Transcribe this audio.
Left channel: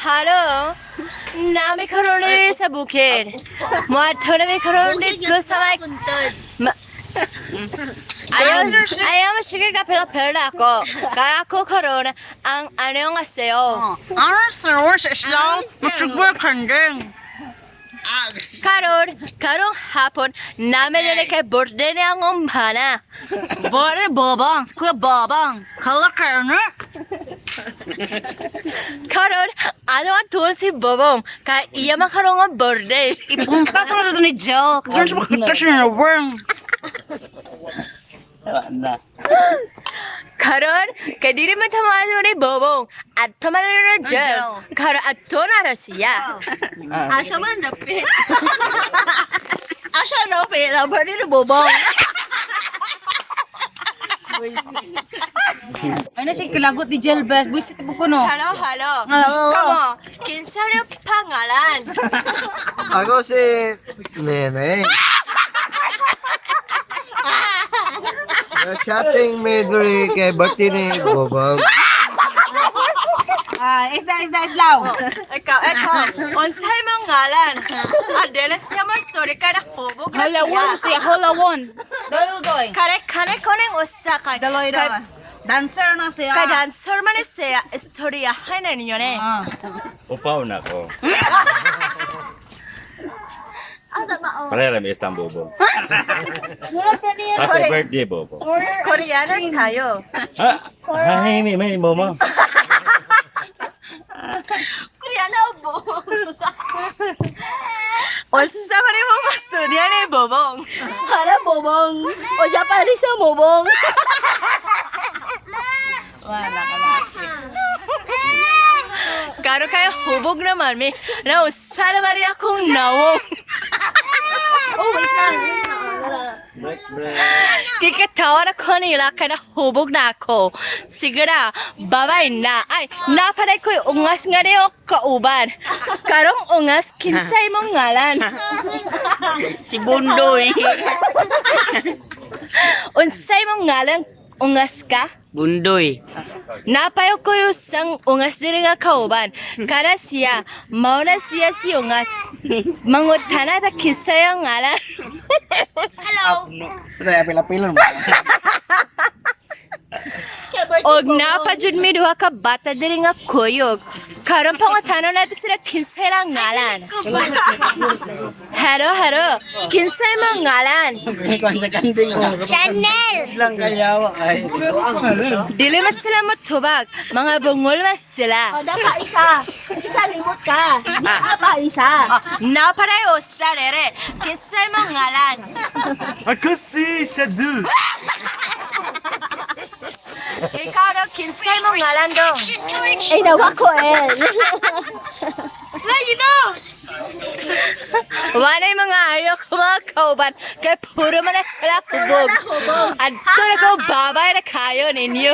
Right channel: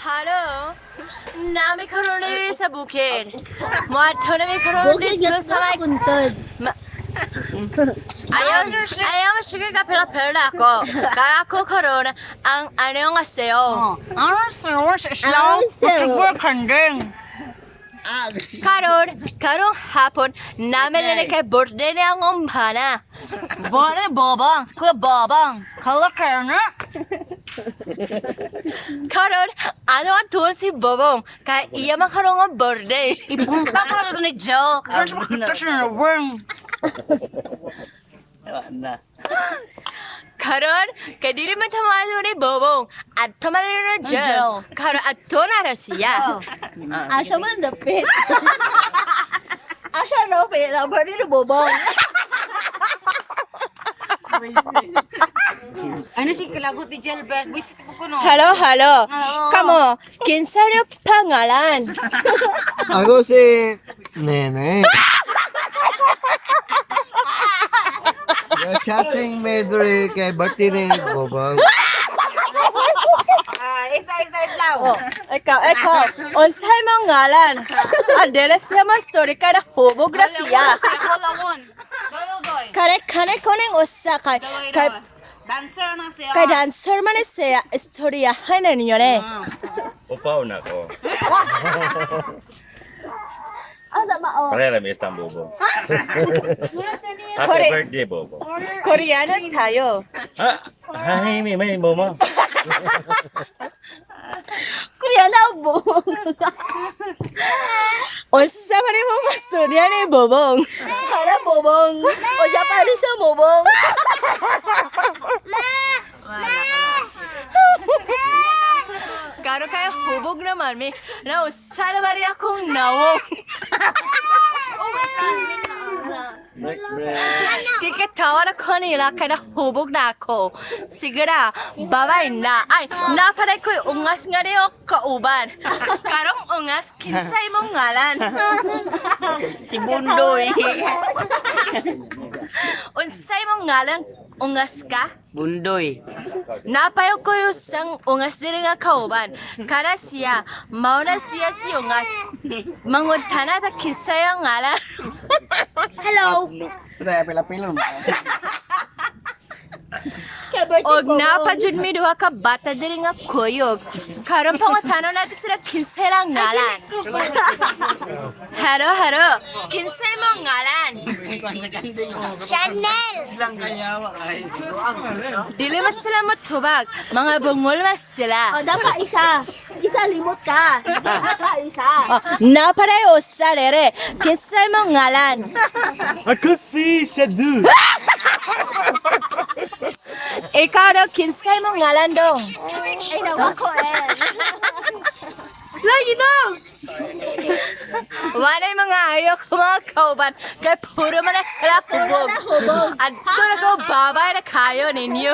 Halo, nami karoon sa bukid. Muadto nami karoon dito sa may... Ayaw sige ka pela ako. Kaya ako karoon ang 안녕하세요. 알았어, 슬라우. magtugwer kandeng. Karong hapon namin na kay birthday ni ang umbana. Bale, babang. Kuya babang. Kala ka na? Karon, ano ang tuon si Bobong? Kaya iya makarong ang birthday. Ipunta ko na ito ni Joe. Kaya siya makakita siya na worm. Karon, kaya di naman tamado ni Bobong. At tamado na Joe. Karon, at to na siya. Asya man dapit. Asya na pera ba ni Bobong? Ano siya kilagot ni Jelbet? Buisit po ko no. Hello. Kamo, kinsa na pangalan? Ako si Nene. Chatting medley kay birthday ni Bobong. Islaw. Ikaw, unsay mong ngalan? Adela siya man story kaya na hubog na siya. Siya, holawon. Doy. Kare koneng usa kay Dancer na siya. kay dancer man siya istorya hanen niyo ne. Upaw na ko. Pareha may isang bobo. Happy birthday, bobo. Koreanang tayo. Ha? Hay, may momo. Koreanang Bobong. Unsa man imong istorya ni Bobong? Hala Bobong. O Japanese siya Bobong. Karo kaya hubog naman mi na usa naman rin akong nawong. Kikatawa na ko nila kaya hubog na ako. Sigura, babay na. Ay, napaday ko'y ungas nga rin o kauban. Karong ungas, kinsay mong ngalan. Si Bundoy. Unsay mong ngalan, ungas ka? Bundoy. Napayo ko yung sang ungas din nga kauban. Kara siya, mauna siya si ungas. Mangutana ta kinsay ang ngalan. Hello. Kaya pila-pila mo. Og napajud mi duha ka bata diri nga kuyog. Karon pangutana natin sila kinsay lang ngalan. Hello. Kinsay mo ngalan? Chanel! Dili mas sila mo tubag. Mga bungol mas sila. O dapat isa. Isa limot ka. Dapat isa. Naparay usa rere. Kinsay mo ngalan? Ako si Shadu. Ikaw daw, kinsay mo ngalan dong? Ay nawa ko Lagi daw! Wanay mga ayaw ko mga kauban. Kaya puro man na sila hubog. At doon ako babay na kayo ninyo.